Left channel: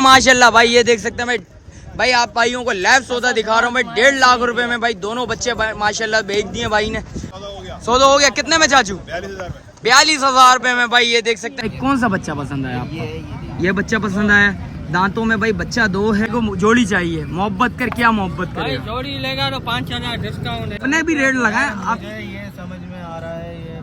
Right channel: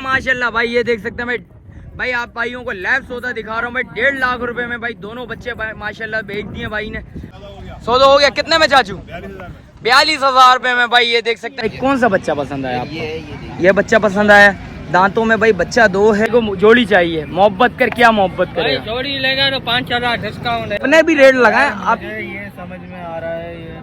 माशाल्लाह भाई ये देख सकते हैं भाई। भाई आप भाइयों को लाइव सौदा दिखा रहा हूँ भाई। 1.5 लाख रुपए में भाई दोनों बच्चे माशाल्लाह बेच दिए भाई ने। सौदा हो गया कितने में चाचू? 42,000 रुपए में भाई ये देख सकते हैं। कौन सा बच्चा पसंद आया आपको? ये बच्चा पसंद आया। दांतों में भाई बच्चा 2 है। को जोड़ी चाहिए, मोहब्बत कर क्या मोहब्बत करेगा? जोड़ी लेगा तो 5,000 डिस्काउंट है। अपने भी रेट लगाए आप। ये समझ में आ रहा है ये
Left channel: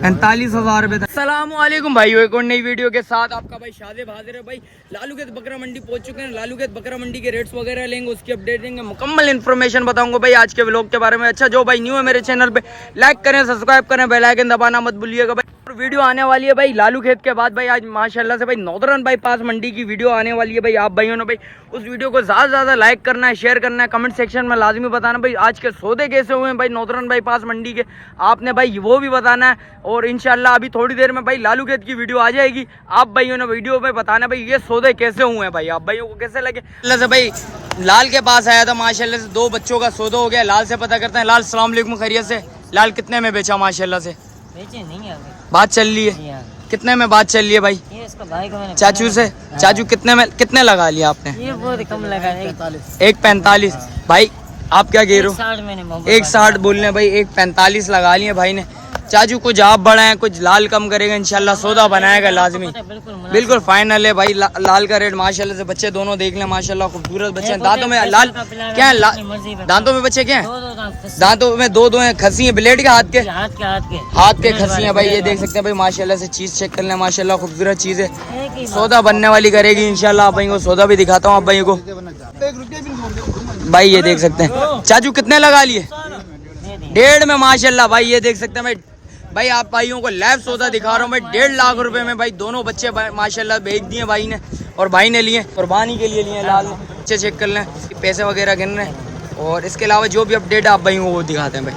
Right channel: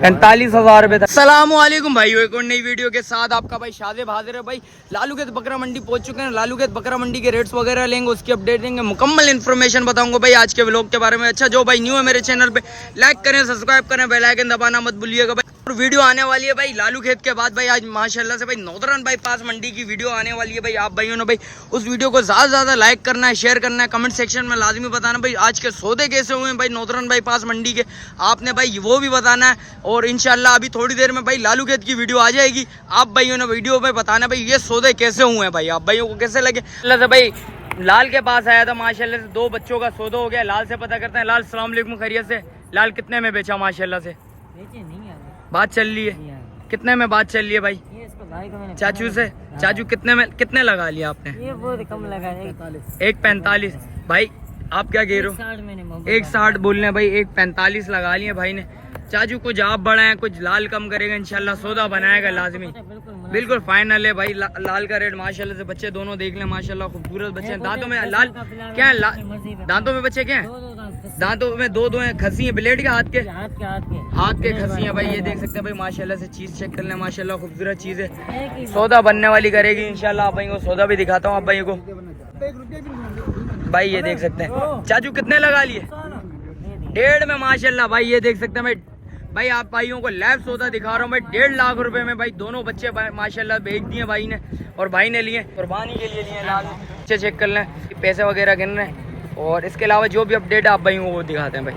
45,000 रुपए तक। अस्सलामुअलैकुम भाई, एक और नई वीडियो के साथ आपका भाई शादिब हाजिर है भाई। लालूखेत बकरा मंडी पहुंच चुके हैं। लालूखेत बकरा मंडी के रेट्स वगैरह लेंगे, उसकी अपडेट देंगे, मुकम्मल इन्फॉर्मेशन बताऊंगा भाई आज के व्लॉग के बारे में। अच्छा जो भाई न्यू है मेरे चैनल पे, लाइक करें, सब्सक्राइब करें, बेल आइकन दबाना मत भूलिएगा भाई। और वीडियो आने वाली है भाई लालूखेत के बाद भाई। आज माशाल्लाह से भाई नॉर्दर्न बाईपास मंडी की वीडियो आने वाली है भाई। आप भाइयों ने भाई उस वीडियो को ज़्यादा से ज़्यादा लाइक करना है, शेयर करना है, कमेंट सेक्शन में लाजमी बताना भाई आज के सौदे कैसे हुए हैं भाई नॉर्दर्न बाईपास मंडी के। आपने भाई वो भी बताना है। और इंशाल्लाह अभी थोड़ी देर में भाई लालूखेत की वीडियो आ जाएगी। आप भाइयों ने वीडियो में बताना भाई ये सौदे कैसे हुए हैं भाई, आप भाइयों को कैसे लगे। अल्लाह से भाई लाल के पास आया था माशाल्लाह से, 2 बच्चों का सौदा हो गया। लाल से पता करते हैं। लाल अस्सलाम वालेकुम, खैरियत से? लाल कितने में बेचा माशाल्लाह से? बेचे नहीं है बात चल रही है कितने में बात चल रही है भाई? ये इसका भाई को मैंने चाचू से। चाचू कितने में कितने लगा लिया आपने? ये बहुत कम लगा है 1.45 भाई। आप क्या कह रहे हो? 1.60 बोल रहे भाई, 1.45 लगा लिए भाई ने। चाचू कुछ आप बढ़ाए, कुछ लाल कम करेगा इंशाल्लाह, सौदा बनाएगा लाजमी। बिल्कुल फाइनल है भाई। लाल का रेट माशाल्लाह से बच्चे दोनों देख लें माशाल्लाह, खूबसूरत बच्चे हैं। दांतों में लाल क्या है? दांतों में बच्चे क्या है? दांतों में दो हैं। खसी है ब्लेड के? हाथ के खसी है भाई। ये देख सकते हैं भाई माशाल्लाह से। चीज चेक कर लें माशाल्लाह, खूबसूरत चीज है। सौदा बनने वाली करेगी इंशाल्लाह। आप भाई को सौदा भी दिखाता हूँ आप भाई को। भाई ये देख सकते हैं। चाचू कितने लगा लिए? 1.5 में माशाल्लाह भाई। ये देख सकते हैं भाई। भाई आप भाइयों को लाइव सौदा दिखा रहा हूँ भाई। 1.5 लाख रुपए में भाई दोनों बच्चे माशाल्लाह बेच दिए भाई ने। और भाई ने लिए कुर्बानी के लिए लिए लाल बच्चे। चेक कर लें पैसे वगैरह गिन रहे हैं। और इसके अलावा जो भी अपडेट आप भाइयों को दिखाते हैं भाई।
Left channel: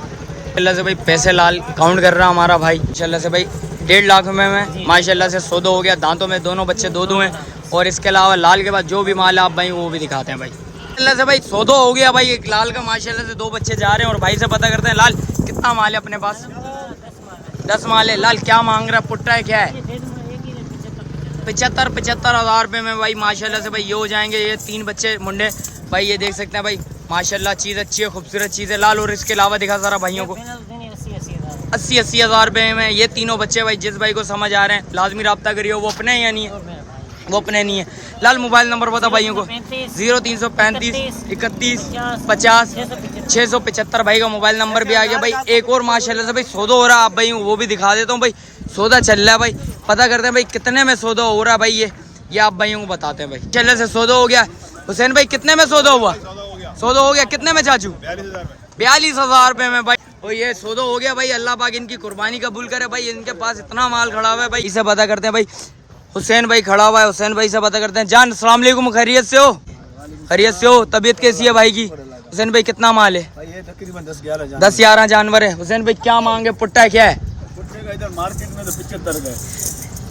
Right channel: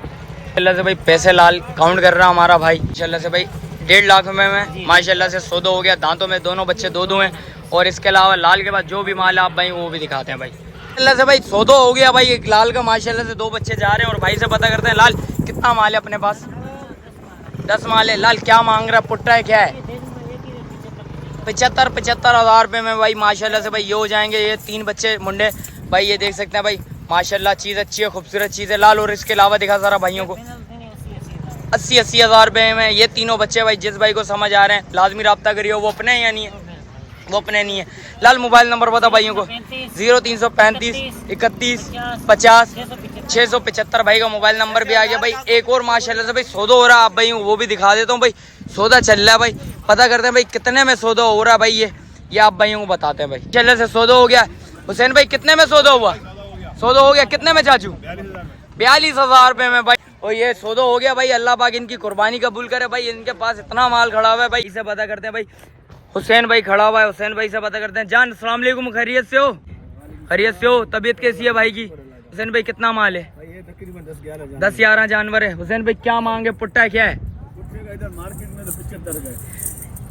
अल्लाह से भाई पैसे लाल काउंट कर रहा हमारा भाई माशाल्लाह से भाई। 1.5 लाख में माशाल्लाह से सौदा हो गया। दांतों में दोनों बच्चे 2 हैं। और इसके अलावा लाल के बाद जो भी माल आप भाई वो भी दिखाते हैं भाई। अल्लाह से भाई सौदा हो गया भाई। एक लाल का माशाल्लाह से 2 बच्चे जा रहे हैं। और भाई से पता करते हैं लाल कितना माल है अपने पास? 10 माल है। लाल क्या मांग रहा है? पुट्टा है क्या है? 75,000 रुपए में भाई माशाल्लाह से भाई ये हो जाएंगे। ये 3 बच्चे मुंडे भाई। ये देख सकते हैं भाई माशाल्लाह, चीज अच्छी है, खूबसूरत चीज है लाल। और इसके अलावा दिखा सारा भाइयों को 80 हज़ार रुपए में ये तीनों बच्चे भाई। जिस भाई को समझ आ रहे हैं लाजमी रब्ता करिए। वो अपने हैं या नहीं है? वो अपने नहीं है। लाल मोबाइल नंबर बता भाइयों को। 0335 31 50 675 भाई का मोबाइल नंबर भी आ गया भाई। एक और माशाल्लाह से भाई सौदा हो रहा है। आप भाई वो भी दिखा देता हूँ भाई। सौदा चल रहा है भाई। पता करते हैं भाई कितने में सौदा हो रहा है भाई। ये आप भाइयों को बताते हैं भाई। चल से सौदा हो गया। हुसैन भाई कितने में सौदा हुआ? सौदा हो गया कितने में चाचू? 42,000 रुपए में भाई। और ये सौदा हो गया भाई। अल्लाह पाक इनकी कुर्बानी कबूल करे भाई। इनके पास इतना माल खड़ा हुआ है भाई। इसे पता करते हैं भाई। हुसैन भाई खड़ा हुआ है। हुसैन भाई से पता करते हैं। जान अस्सलाम वालेकुम, खैरियत से हो? खैरियत से हो? तबीयत कैसी है भाई की? हुसैन भाई कितना माल है? 10-11 जानवर है। हुसैन भाई क्या मांगे? पुट्टा क्या है? इधर मार्केट में तो 75 का है।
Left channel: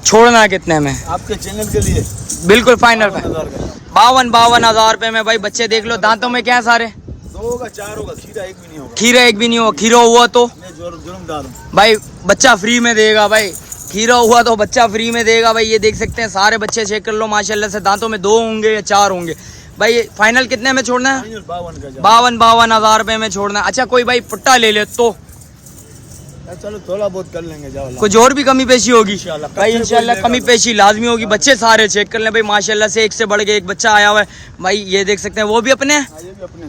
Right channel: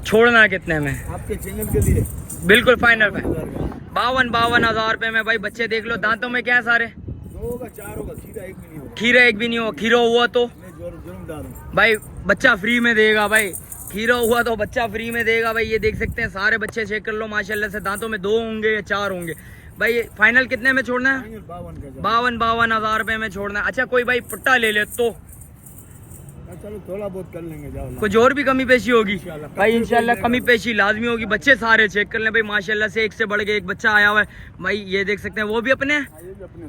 छोड़ना कितने में? आपके चैनल के लिए बिल्कुल फाइनल। 52 हज़ार रुपए में भाई बच्चे देख लो। दांतों में क्या है सारे? 2 होगा 4 होगा। खीरा एक भी नहीं होगा। खीरा एक भी नहीं होगा। खीरा हुआ तो जुर्मदार हूँ भाई बच्चा फ्री में देगा भाई। खीरा हुआ तो बच्चा फ्री में देगा भाई। ये देख सकते हैं सारे बच्चे चेक कर लो माशाल्लाह से। दांतों में 2 होंगे या 4 होंगे भाई। फाइनल कितने में छोड़ना है? 52 हज़ार रुपए में छोड़ना है। अच्छा कोई भाई पुट्टा ले ले तो चलो थोड़ा बहुत कर लेंगे। जाओ कुछ और भी कमी पेशी होगी भाई इंशाल्लाह। कमी पेशी लाजमी होगी। बच्चे सारे चेक कर लें भाई माशाल्लाह से। एक से बढ़ के एक बच्चा आया हुआ है भाई। ये देख सकते हैं वो भी अपने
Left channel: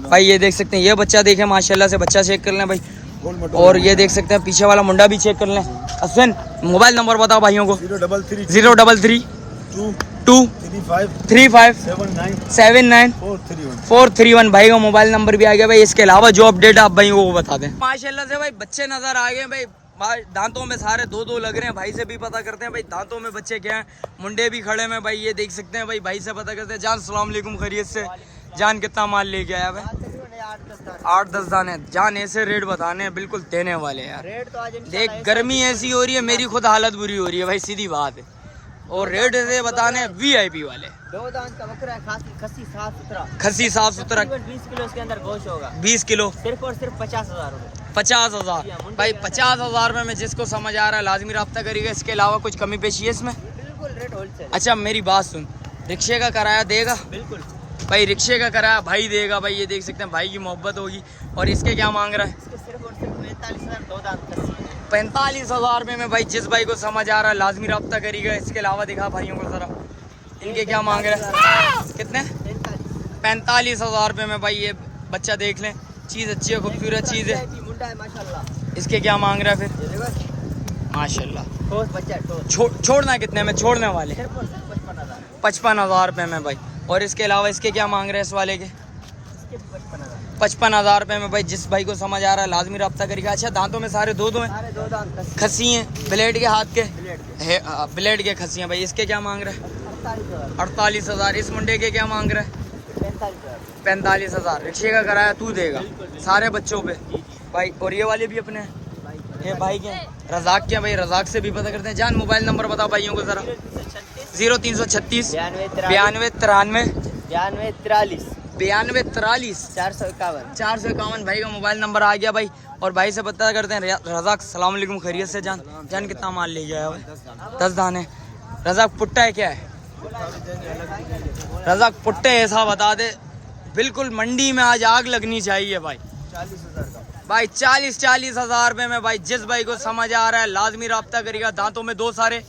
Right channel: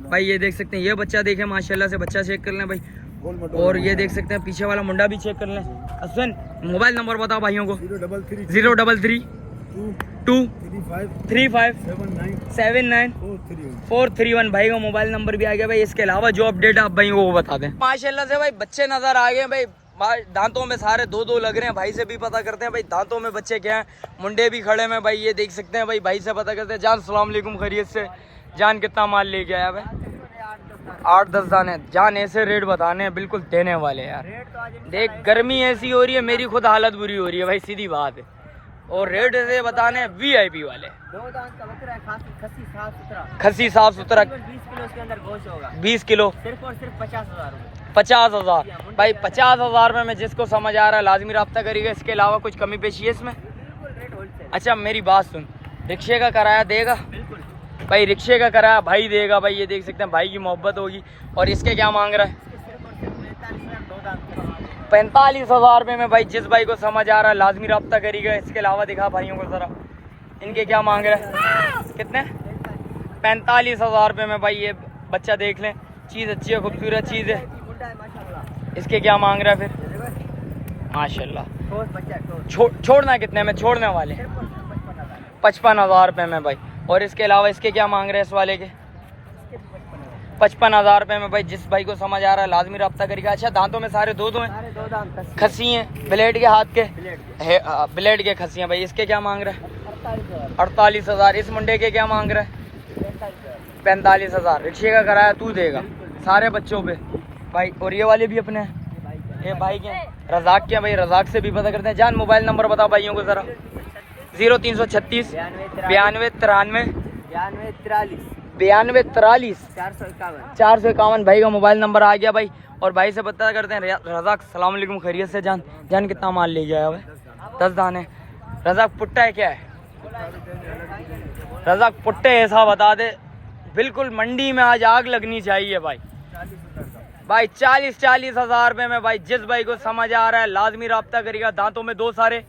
भाई। ये देख सकते हैं ये बच्चा देखें माशाल्लाह से। बच्चा चेक कर लें भाई। और ये देख सकते हैं पीछे वाला मुंडा भी चेक कर लें। असन मोबाइल नंबर बताओ भाइयों को। 033 2 35 79 431 भाई का मोबाइल नंबर भी आ गया भाई। इसके अलावा जो अपडेट आप भाई को बता दें माशाल्लाह से भाई। बच्चे नजर आ गए भाई। दांतों में सारे 2 लग रहे हैं। भाई से भी पता करते हैं भाई दांतों में बच्चे क्या हैं। मुंडे भी खड़े हैं भाई। ये देख सकते हैं भाई। भाई से पता करते हैं। जान अस्सलाम वालेकुम, खैरियत से? जान कितना माल लेके आया भाई? 8-10 दाने। जान ऐसे रेट बताने हैं बिल्कुल देने वाले यार। देख गर्मी ऐसी हो रही है, मेरी खुद हालत बुरी हो रही है भाई, सीधी बात है। और रेट ऐसे बताने VIP वाले। 2 दांत का बकरा है, खस्सी साफ सुथरा। खस्सी साफ सुथरा। 20 किलो इसके अंदर गोश्त होगा। 20 किलो सिर्फ और सिर्फ 50,000 रुपए। 50,000 भाई। 50,000 रुपए में जिसको समझ आ रहा है लाजमी रब्ता करिएगा। इसके अलावा कुछ कमी पेशी है इसमें? बिल्कुल रेट होलसेल। अच्छा मेरी बात सुन, रिक्शे का किराया देगा बिल्कुल भाई, रिक्शे का किराया भाई देगा भाई। ये देख सकते हैं भाई की मोहब्बत होगी। और इसके क्या मांग रहा है? इसके सिर्फ और सिर्फ 45,000 दो दांत खस्सी 45,000 रुपये में भाई। जिस भाई को समझ आ रहा है लाजमी रब्ता करिएगा। इसके अलावा दिखा भाइयों को जरा, इनके क्या मांग रहा है? कितने? 45,000 रुपये में भाई। ये बच्चा देख लें, चीज़ अच्छी है, खूबसूरत चीज़ है। मुंडा है माशाल्लाह। इसके क्या मांग रहा है फिर? ये देखो माशाल्लाह। ठोस बच्चा है, ठोस। छोड़ना कितने में छोड़ने वाले? सिर्फ और सिर्फ 55,000 55,000 रुपये में भाई। और इसके अलावा इसके क्या मांग रहे हैं इस वाले के? इसके भी 55,000 55,000 रुपये में भाई। जिस भाई को समझ आ रहा है लाजमी रब्ता करिएगा। अच्छा, दांतों में सारे दो हैं, सारे दो दांत खस्सी खस्सी हैं, ब्लेड के हाथ के प्लेट के है, ब्लेड के खस्सी हैं भाई। इसके क्या मांग रहा है? 48,000 48,000। इस मुंडे के क्या मांग रहा है? 45,000 45,000। रिक्शे का किराया तू देगा सारे बच्चों पे भाई। और ये वाले भी अपने हैं, ये भाई के रजाक के भाई। रजाक से भी पता करते हैं। जान मोबाइल नंबर बताओ भाइयों को ज़रा। 0336 92 93 92 43 451 भाई का मोबाइल नंबर आ गया भाई। और भाई से पता करते हैं। रजाक सलाम अलैकुम, खैरियत से? जान कितना माल ले गया है भाई? 10 दाने। रजाक पुट्टा है क्या है? रजाक पुट्टे ऐसा बता दे, बिल्कुल मंडी में आज आग लगनी चाहिए भाई। 40,000 40,000 रुपये में भाई। जिस भाई को समझ आ रहा है लाजमी रब्ता करेगा। दांतों में दो सारे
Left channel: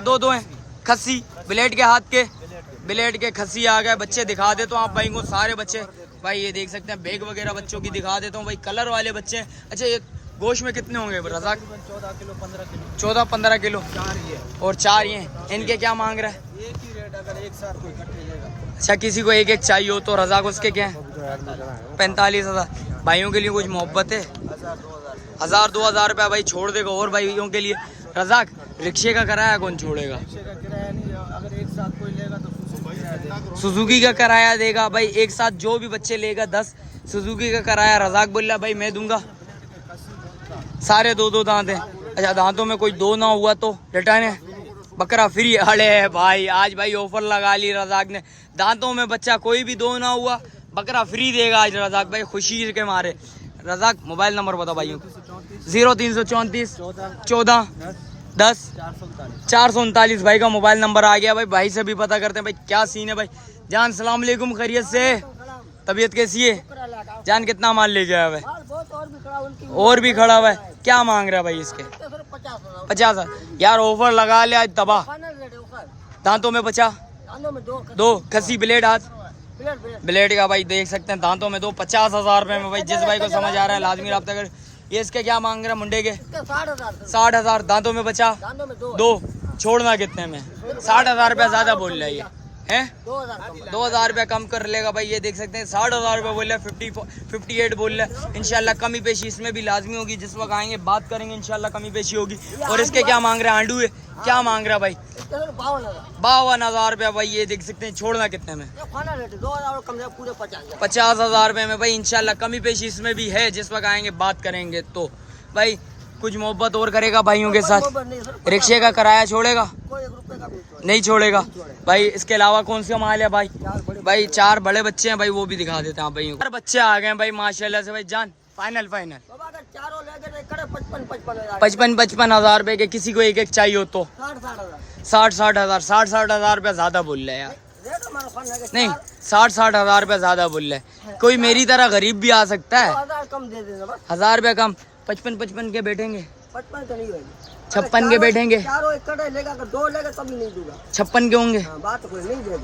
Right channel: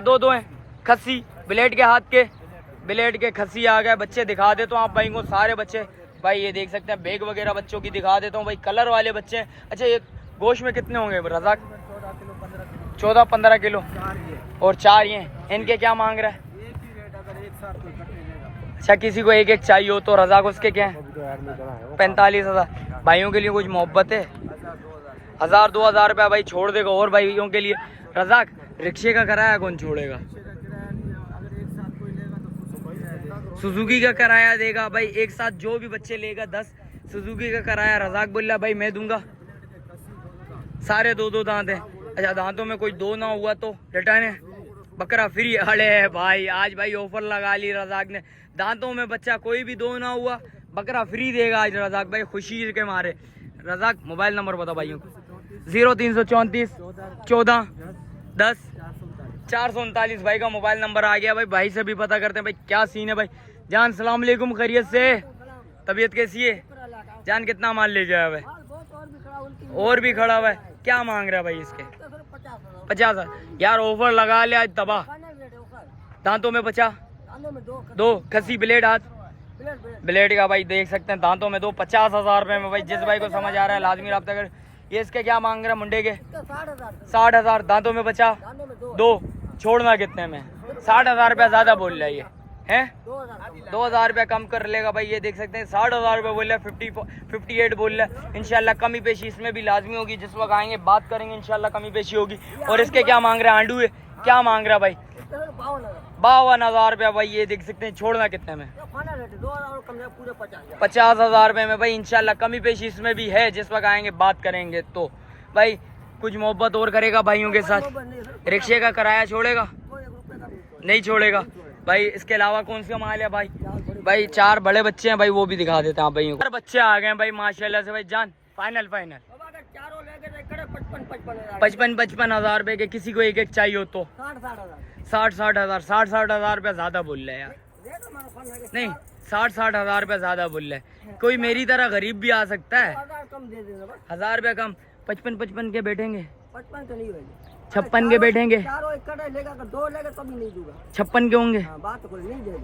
दो हैं, खस्सी ब्लेड के हाथ के, ब्लेड के खस्सी आ गए। बच्चे दिखा देता हूँ आप भाई को, सारे बच्चे भाई। ये देख सकते हैं, बैग वगैरह बच्चों की दिखा देता हूँ भाई। कलर वाले बच्चे हैं। अच्छा, ये गोश्त में कितने होंगे रजाक? 14-15 किलो। और 4 ये। इनके क्या मांग रहा है? अच्छा, किसी को एक चाहिए हो तो रजाक उसके क्या है? 45,000। भाइयों के लिए कुछ मोहब्बत है? 1,000-2,000 रुपया भाई छोड़ देगा और भाइयों के लिए। रजाक, रिक्शे का किराया कौन छोड़ेगा? सुजुकी का किराया देगा भाई। एक साथ जो भी बच्चे लेगा 10 सुजुकी का किराया। रजाक बोल रहा भाई मैं दूंगा। सारे दो दांत हैं। अच्छा, दांतों में कोई दो ना हुआ तो रिटर्न है, बकरा फ्री। अरे भाई आज भाई ऑफर लगा ली रजाक ने। दांतों में बच्चा कोई भी दो ना हुआ, बकरा फ्री देगा आज रजाक भाई, खुशी के मारे। रजाक मोबाइल नंबर बताओ भाइयों को। 0334 14 10 439 भाई का मोबाइल नंबर आ गया भाई। भाई से भी पता करते हैं भाई क्या सीन है भाई। जान सलाम अलैकुम, खैरियत से? तबीयत कैसी है? जान कितना माल ले गया है भाई? और भी खड़ा हुआ है। क्या मांग रहा है भाई इसके? 50,000। यार ऑफर लगा ले आज तबाह। दांतों में 50, दो खस्सी ब्लेड हाथ, ब्लेड का भाई देख सकते हैं। दांतों में 50,000 रुपये में भाई। जिस भाई को समझ आ रहा है लाजमी रब्ता कर। ये इसके क्या मांग रहा है मुंडे के? 60,000। दांतों में 50, दो। छोड़ना कितने में? 60,000 रुपया ज्यादा बोल रहा है ये है। 2,000 रुपया कम कर लेगा भाई। ये देख सकते हैं 60,000 रुपया बोल रहा है, 58 बोल रहा है। इंशाल्लाह कमी पेशी इसमें भी लाजमी होगी। जिस वक्त आएंगे बात करेंगे, इंशाल्लाह कमी पेशी होगी। और इसके क्या मांग रहा है? आंडू है, क्या मांग रहा है भाई? 52,000 रुपया भाई। ये देख सकते हैं। छोड़ना कितने में? 50,000 रुपये में भाई। इंशाल्लाह कमी पेशी इसमें भी है। जिस वक्त आएंगे बात करेंगे तो भाई कुछ मोहब्बत और करेगा भाइयों के साथ। रिक्शे का किराया छोड़ेगा? नहीं छोड़ेगा भाई। इसके अलावा कौन सा माल है भाई? भाई 4 बड़े बच्चे हैं भाई, वो भी दिखा देते हैं आप भाइयों को। 4 बच्चे आ गए हैं भाई माशाल्लाह से भाई। जान फाइनल 55,000 रुपए के। किसी को एक चाहिए हो तो 60,000 रुपया ज्यादा बोल रहे हैं यार। नहीं, 60,000 रुपया ज्यादा बोल रहे हैं। कोई मेरी तरह गरीब भी आ सकता है। 1,000 रुपया कम। 55 के बैठेंगे, 56 के बैठेंगे, 56 के होंगे,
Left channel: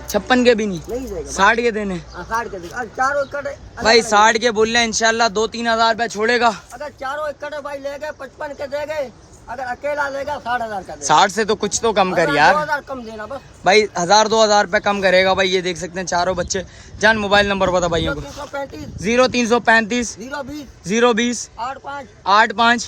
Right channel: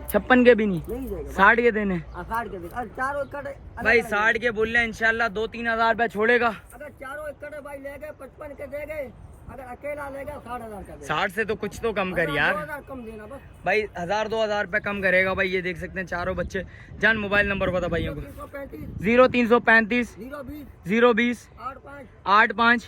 56 के भी नहीं, 60 के देने भाई। 60 के बोल रहे हैं। इंशाल्लाह 2-3 हज़ार रुपया छोड़ेगा। अगर चारों एकड़ भाई ले गए 55 के दे गए। अगर अकेला लेगा 60,000 का। 60 से तो कुछ तो कम कर यार 2,000 कम देना बस भाई। 1,000-2,000 रुपये कम करेगा भाई। ये देख सकते हैं चारों बच्चे। जान मोबाइल नंबर बता भाइयों को। 0335 020 85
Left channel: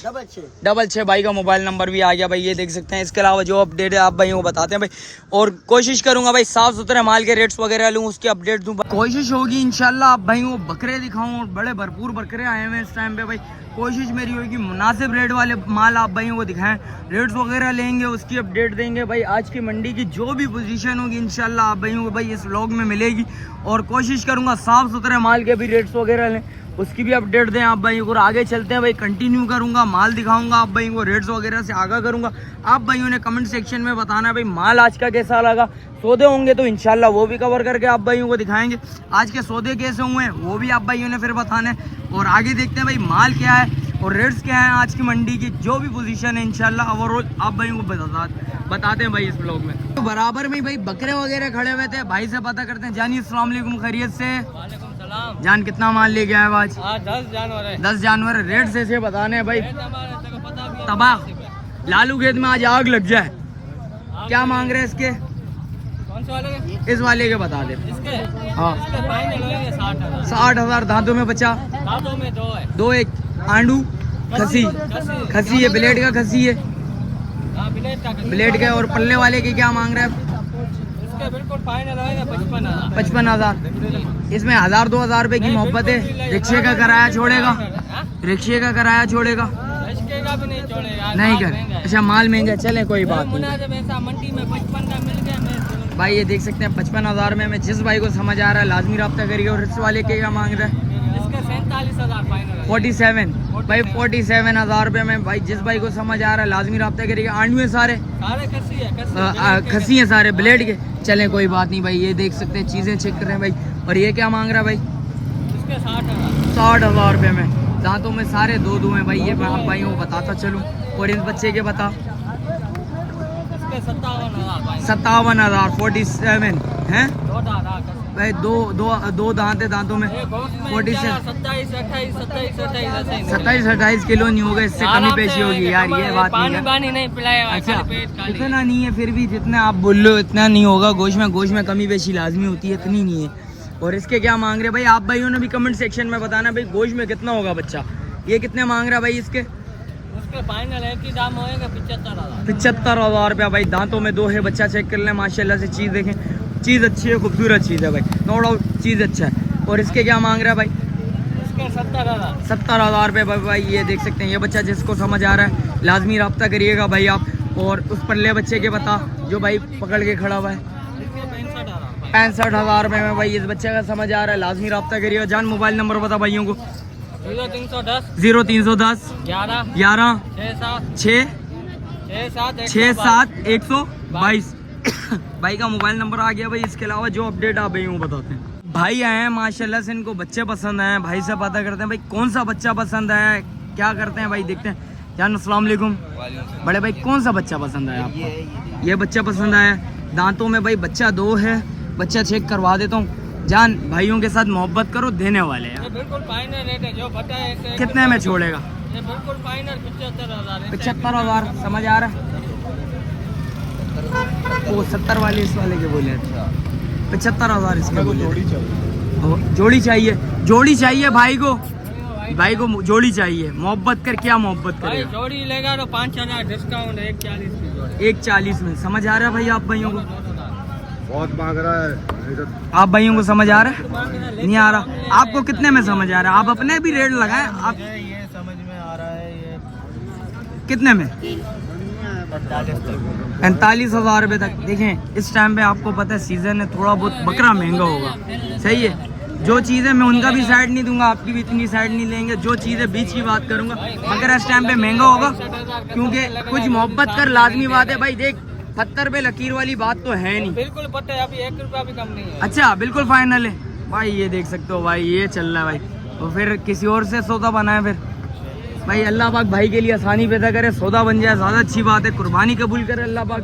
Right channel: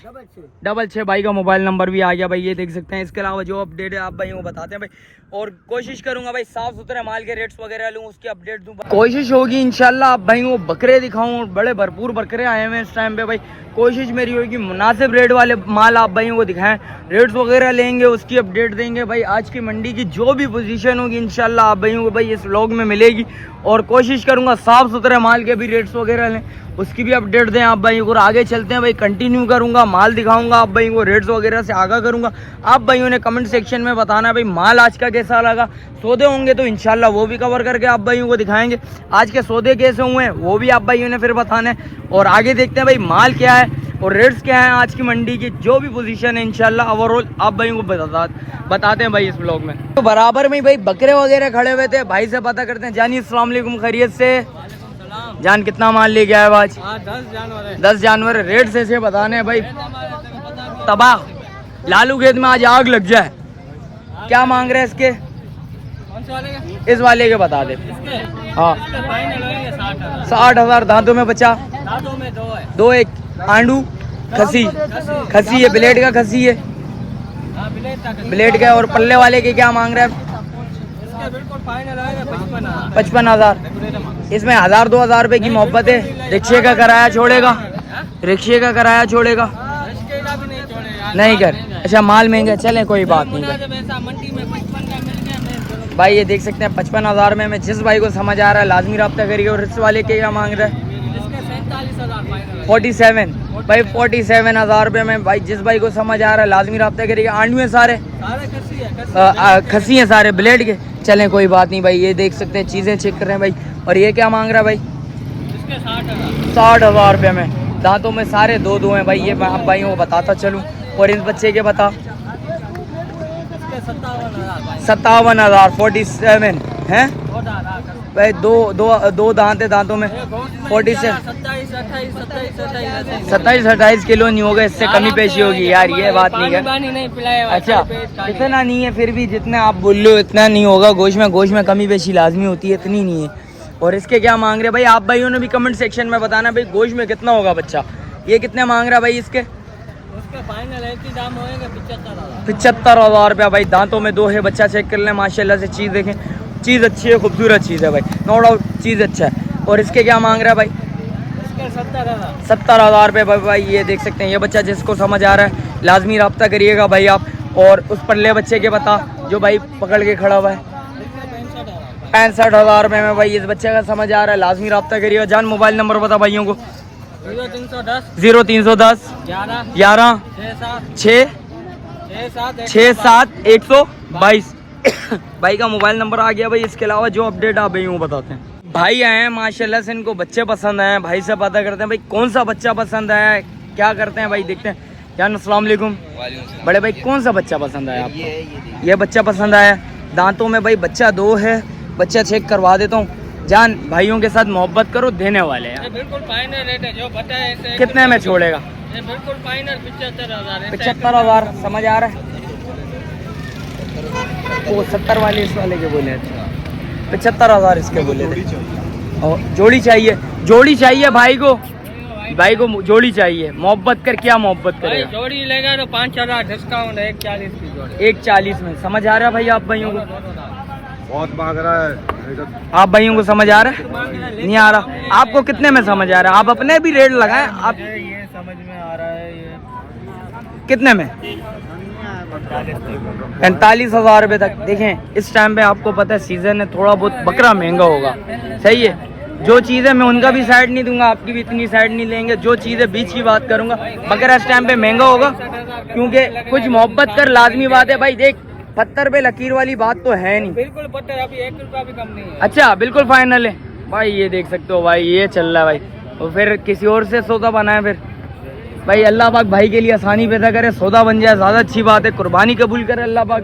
66 भाई का मोबाइल नंबर भी आ गया भाई। ये देख सकते हैं। इसके अलावा जो अपडेट है आप भाइयों को बताते हैं भाई। और कोशिश करूंगा भाई साफ सुथरे माल के रेट्स वगैरह लूँ, उसकी अपडेट दूँ। कोशिश होगी इंशाल्लाह आप भाइयों को बकरे दिखाऊं। बड़े भरपूर बकरे आए हुए हैं इस टाइम पे भाई। कोशिश मेरी होगी मुनासिब रेट वाले माल आप भाइयों को दिखाएं। रेट्स वगैरह लेंगे, उसकी अपडेट देंगे भाई। आज की मंडी की जो भी पोजीशन होगी इंशाल्लाह आप भाइयों को भाई इस व्लॉग में मिलेगी। और कोशिश करूंगा साफ सुथरे माल के भी रेट्स वगैरह लें उसकी भी अपडेट दें आप भाई को। आगे चलते हैं भाई, कंटिन्यू करूंगा, माल दिखाऊंगा आप भाई को, रेट्स वगैरह से आगाह करूंगा। आप भाइयों ने कमेंट सेक्शन में बताना है भाई माल आज का कैसा लगा। सौदे होंगे तो इंशाल्लाह वो भी कवर करके आप भाइयों को दिखाएंगे। आज के सौदे कैसे हुए हैं वो भी आप भाइयों ने फिर बताना है। और आगे देखते हैं भाई माल क्या है और रेट्स क्या है आज की मंडी की, जो भी पोजीशन है इंशाल्लाह ओवरऑल आप भाइयों को बताते हैं भाई इस ब्लॉग में। तो बराबर में भाई बकरे वगैरह खड़े हुए थे, भाई से पता करते हैं। जानी अस्सलाम वालेकुम, खैरियत से? जान कितना माल लेके आया आज? 10 जानवर। रेट से बताने हैं भाई, तबाह लालू खेत में आज आग लग जाए। क्या मांग रहे हैं इसके? इस वाले के बता दे। हाँ 60,000। दांतों में बचा? दांतों में दो। एक आंडू खसी है, ब्लेड का खसी है, ब्लेड का। और पल्ले वाले के क्या मांग रहे हैं? 55,000। इसमें 1,000-2,000 रुपए की मोहब्बत है। रिक्शे का किराया छोड़ेगा? रिक्शे का किराया छोड़ेगा? नहीं कर। अच्छा माल महंगा, चले कोई बात नहीं भाई। ये देख सकते हैं 55,000 में। मैं जिस भाई को समझ आ रहा है लाजमी रब्ता करिए। और रिक्शे वाले के क्या मांग रहा है? 47 भाई। 47,000 रुपये में भाई जिस भाई को समझ आ रहा है लाजमी रब्ता करिएगा। आंडू है सारे, खसी हैं सारे ब्लेड के। चलें कोई बात नहीं भाई। ये देख सकते हैं चीज़ें चेक कर रहे हैं भाई। और ये क्या मांग रहा है भाई? 60,000 रुपये में। दांतों में सारे दो हैं भाई। ये मैं आप भाइयों को बताता चलूँ। और इस बच्चे के बता? 57,000। 47 है भाई। दो दांत है दांतों में। 27-28 किलो नहीं होगा, इससे कमी पेशी होगी यार। ये बात नहीं है। अच्छा इतना नहीं है, फिर भी जितना आप बोल लो इतना नहीं होगा। गोश्त में कमी पेशी लाजमी होती है, इतनी नहीं है। और इसके क्या मांग रहे हैं भाई? आप भाइयों ने भी कमेंट सेक्शन में बताना भाई गोश्त में कितना होगा बच्चा। ये कितने मांग रहा है भाई इसके? फाइनल एक ही दाम होएगा 75,000 रुपया भाई। दांतों में 2 है। बच्चा चेक कर लें माशाल्लाह से। चीज़ देखें, चीज़ अच्छी है, खूबसूरत चीज़ है भाई, नो डाउट चीज़ अच्छा है। और इसके क्या मांग रहा है भाई? इसके 70,000 रुपये भाई। ये देख सकते हैं। ये बच्चा जिसको समझ आ रहा है लाजमी रब्ता करिएगा भाई आप। और उस पल्ले बच्चे के बता जो भाई पकड़ के खड़ा हुआ है? 65,000 रुपये में भाई। इस बच्चे का समझ आ रहा है लाजमी रब्ता करिएगा। जान मोबाइल नंबर बता भाइयों को। 0310 11 67 122 भाई का मोबाइल नंबर आ गया भाई। इसके अलावा जो अपडेट आप भाई बताते हैं। भाई आए हैं माशाल्लाह से, इनको बच्चे पसंद आए हैं। भाई से पता करते हैं भाई कौन सा बच्चा पसंद आया है, क्या करते हैं भाई, देखते हैं। जान अस्सलाम वालेकुम। बड़े भाई कौन सा बच्चा पसंद आया आपको? ये बच्चा पसंद आया। दांतों में भाई बच्चा 2 है। बच्चा चेक करवा देता हूँ। जान भाइयों के साथ मोहब्बत करो, देने वाले हैं। बिल्कुल फाइनल रेट है जो बताए। कितने में छोड़ेगा? बिल्कुल फाइनल 75,000। समझ आ रहा है? वो 70 वाले इस वाले के बोले थे। 75,000 इसके बोले थे। और जोड़ी चाहिए? जोड़ी चाहिए भाई को जोड़ी चाहिए। मोहब्बत कर, क्या मोहब्बत करेगा? जोड़ी लेगा तो 5,000 डिस्काउंट है। 140 की जोड़ी। 140 में। समझ आ रहा है भाई आप भाइयों को? बहुत मांग रहा है। आप भाइयों को समझ आ रहा है? नहीं आ रहा? आपको कितने में समझ आ रहा है? आप अपने भी रेट लगाएं। आप ये समझ में आ रहा है। ये कितने में? 45,000 रुपये तक। देखें इस टाइम पे आपको पता है सीजन है, थोड़ा बहुत बकरा महंगा होगा। सही है। जो चीज़ें मैं उनका भी साइड नहीं दूंगा, आपकी भी इतनी साइड नहीं लेंगे। जो चीज़ें बीच की बात करूंगा, बकरा इस टाइम पे महंगा होगा क्योंकि कुछ मोहब्बत कर लाजमी बात है भाई। देख 70 पे लकीर वाली बात तो है नहीं। बिल्कुल पता है, अभी 1 रुपया भी कम नहीं है। अच्छा बिल्कुल फाइनल है भाई। ये देख सकते हो भाई, ये चल रहा है भाई। और फिर किसी और से सौदा बनाए फिर भाई। अल्लाह पाक भाई के लिए आसानी पैदा करे, सौदा बन जाए ज़्यादा अच्छी बात है। कुर्बानी कबूल करे अल्लाह पाक,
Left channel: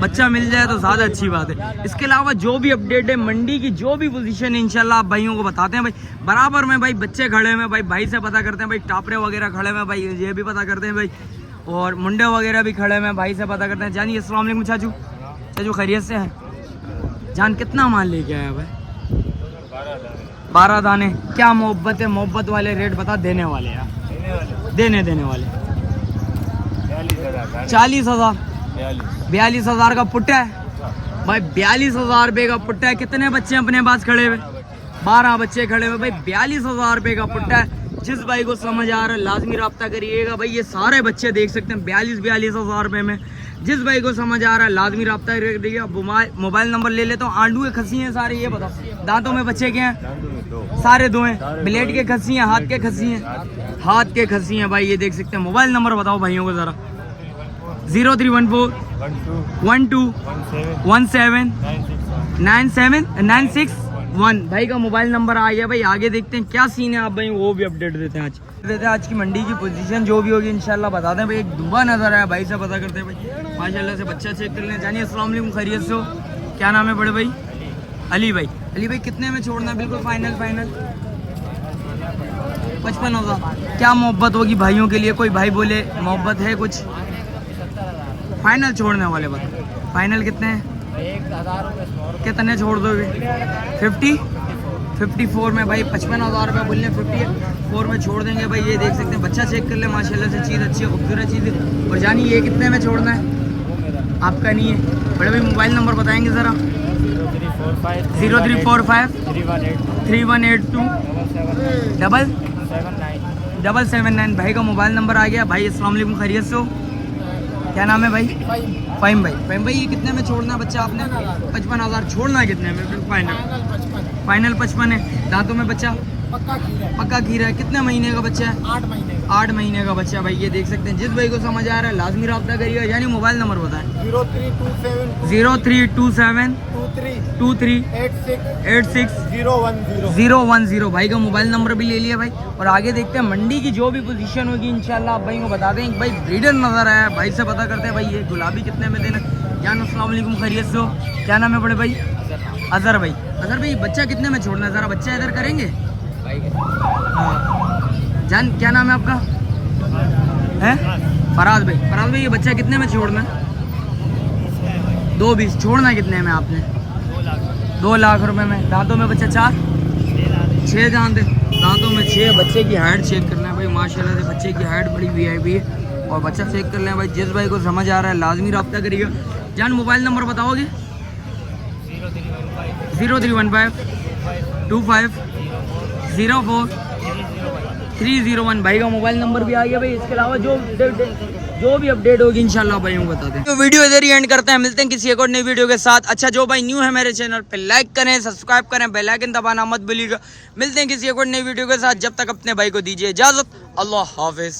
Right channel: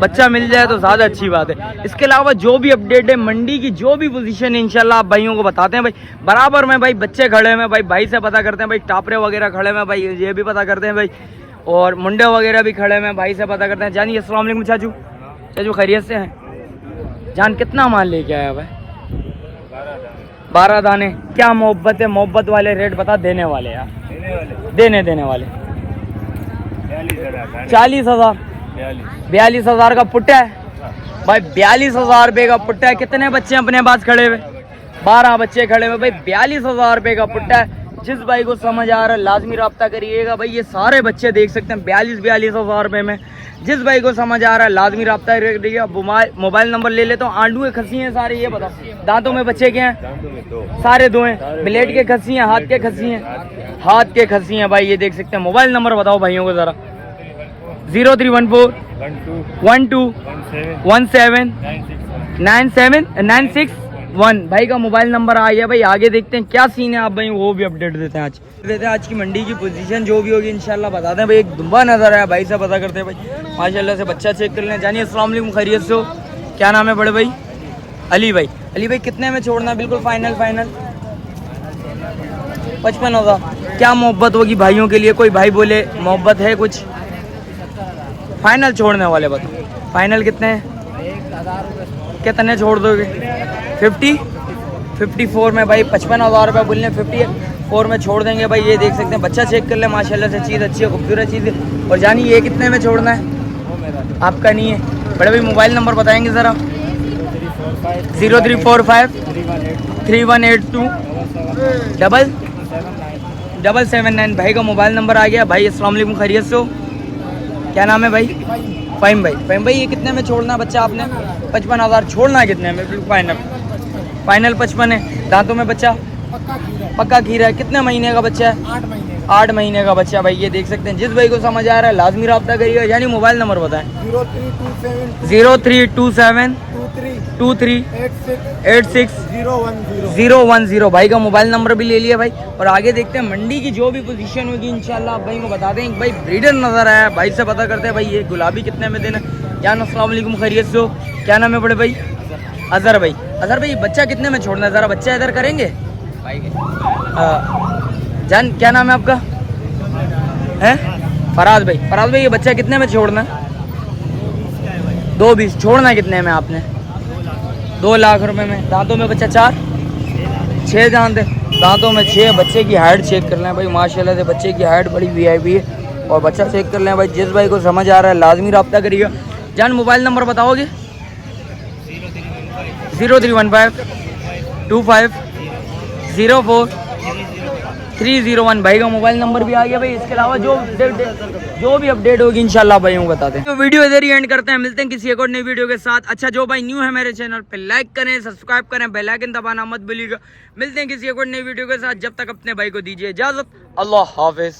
बच्चा मिल जाए तो ज़्यादा अच्छी बात है। इसके अलावा जो भी अपडेट है मंडी की, जो भी पोजीशन है इंशाल्लाह आप भाइयों को बताते हैं भाई। बराबर में भाई बच्चे खड़े हैं भाई। भाई से पता करते हैं भाई। टापरे वगैरह खड़े हैं भाई, ये भी पता करते हैं भाई। और मुंडे वगैरह भी खड़े हैं भाई से पता करते हैं। जानिए अस्सलाम वालेकुम चाचू। चाचू खैरियत से हैं? जान कितना माल लेके आया भाई? 12 दाने। क्या मोहब्बत है? मोहब्बत वाले रेट बता। देने वाले यार, देने वाले 40,000। 42,000 का पुट्टा है भाई। 42,000 रुपये का पुट्टा है। कितने बच्चे अपने पास खड़े हुए? 12 बच्चे खड़े हुए भाई। 42,000 रुपये का पुट्टा है। जिस भाई को समझ आ रहा है लाजमी रब्ता करिएगा भाई। ये सारे बच्चे देख सकते हैं 42 हज़ार रुपये में। जिस भाई को समझ आ रहा है लाजमी रब्ता करिएगा। मोबाइल नंबर ले लेता हूँ। आंडू के खस्सी हैं सारे, ये बताओ दांतों में बच्चे के हैं? सारे दो हैं। ब्लेड के खस्सी हैं, हाथ के खस्सी हैं? हाथ के खस्सी हैं भाई, ये देख सकते हैं। मोबाइल नंबर बताओ भाइयों को ज़रा। 0314 12 17 961 भाई का मोबाइल नंबर आ गया भाई। आगे देखते हैं क्या सीन है, आप भाई वो भी अपडेट देते हैं। आज की मंडी की पोजीशन जो भी होगी इंशाल्लाह बताते हैं भाई। एक दुम्बा नजर आया भाई से पता करते हैं भाई। माशाल्लाह से बच्चा चेक कर लें। जानिए अस्सलाम वालेकुम, खैरियत से हो? क्या नाम है बड़े भाई? अली भाई। अली भाई कितने में छोड़ना? बिल्कुल फाइनल 55,000। क्या मोहब्बत होगी भाइयों के लिए? कोई भाई बोले मोहब्बत है कुछ? फाइनल छोड़ने वाले बताओ। फाइनल कितने हैं? कितने छोड़ दोगे? 54 में भाई 55,000 रुपये बोलने। 54 में छोड़ देंगे भाई। ये देख सकते हैं, बच्चा चेक कर ले माशाल्लाह से, चीज़ अच्छी है, खूबसूरत चीज़ है। और जानी ये कितने में छोड़ना है? आपका नहीं है बड़े भाई? मोबाइल नंबर बताएंगे ज़रा। 0345 3182 779 भाई का मोबाइल नंबर आ गया भाई। अस्सलाम वालेकुम, खैरियत से हो? क्या नाम है भाई? फ़हीम भाई। फ़हीम भाई ये कितने में छोड़ना है बच्चा आपने? 55,000 छोड़ना है कितने में? बिल्कुल फाइनल 55 है। दांतों में बच्चा पक्का खीरा है। कितने महीने का बच्चा है? 8 महीने का बच्चा भाई। ये देख सकते हैं। जिस भाई को समझ आ रहा है लाजमी रब्ता करिएगा। यानी मोबाइल नंबर बताएं। 0327 23 86 010 भाई का मोबाइल नंबर भी ले लिया भाई। और आगे देखते हैं मंडी की जो भी पोजीशन होगी इंशाल्लाह आप भाई को बता दें। भाई ब्रीडर नजर आया भाई से पता करते हैं भाई ये गुलाबी कितने में देना। जान अस्सलाम वालेकुम, खैरियत से हो? क्या नाम है बड़े भाई? अजहर भाई। अजहर भाई बच्चा कितने में छोड़ना है? ज़रा बच्चा इधर करेंगे। जान क्या नाम है आपका? है फराज भाई। फराज भाई ये बच्चा कितने में छोड़ना है? 220 छोड़ना कितने में आपने? 2 लाख रुपए में। दांतों में बच्चा 6 दांत है। दांतों में 6। बच्चे की हाइट चेक कर लें भाई माशाल्लाह से, बच्चे की हाइट बड़ी VIP है। और बच्चा चेक कर लें भाई। जिस भाई को समझ आ रहा है लाजमी रब्ता करिएगा। जान मोबाइल नंबर बताओगे? 0315 25 04 301 भाई का मोबाइल नंबर भी आ गया भाई। इसके अलावा जो भी अपडेट होगी इंशाल्लाह भाई हम बताते हैं। तो वीडियो इधर ही एंड करते हैं। मिलते हैं किसी एक और नई वीडियो के साथ। अच्छा जो भाई न्यू है मेरे चैनल पे लाइक करें, सब्सक्राइब करें, बेल आइकन दबाना मत भूलिएगा। मिलते हैं किसी एक और नई वीडियो के साथ। जब तक अपने भाई को दीजिए इजाजत। अल्लाह हाफिज।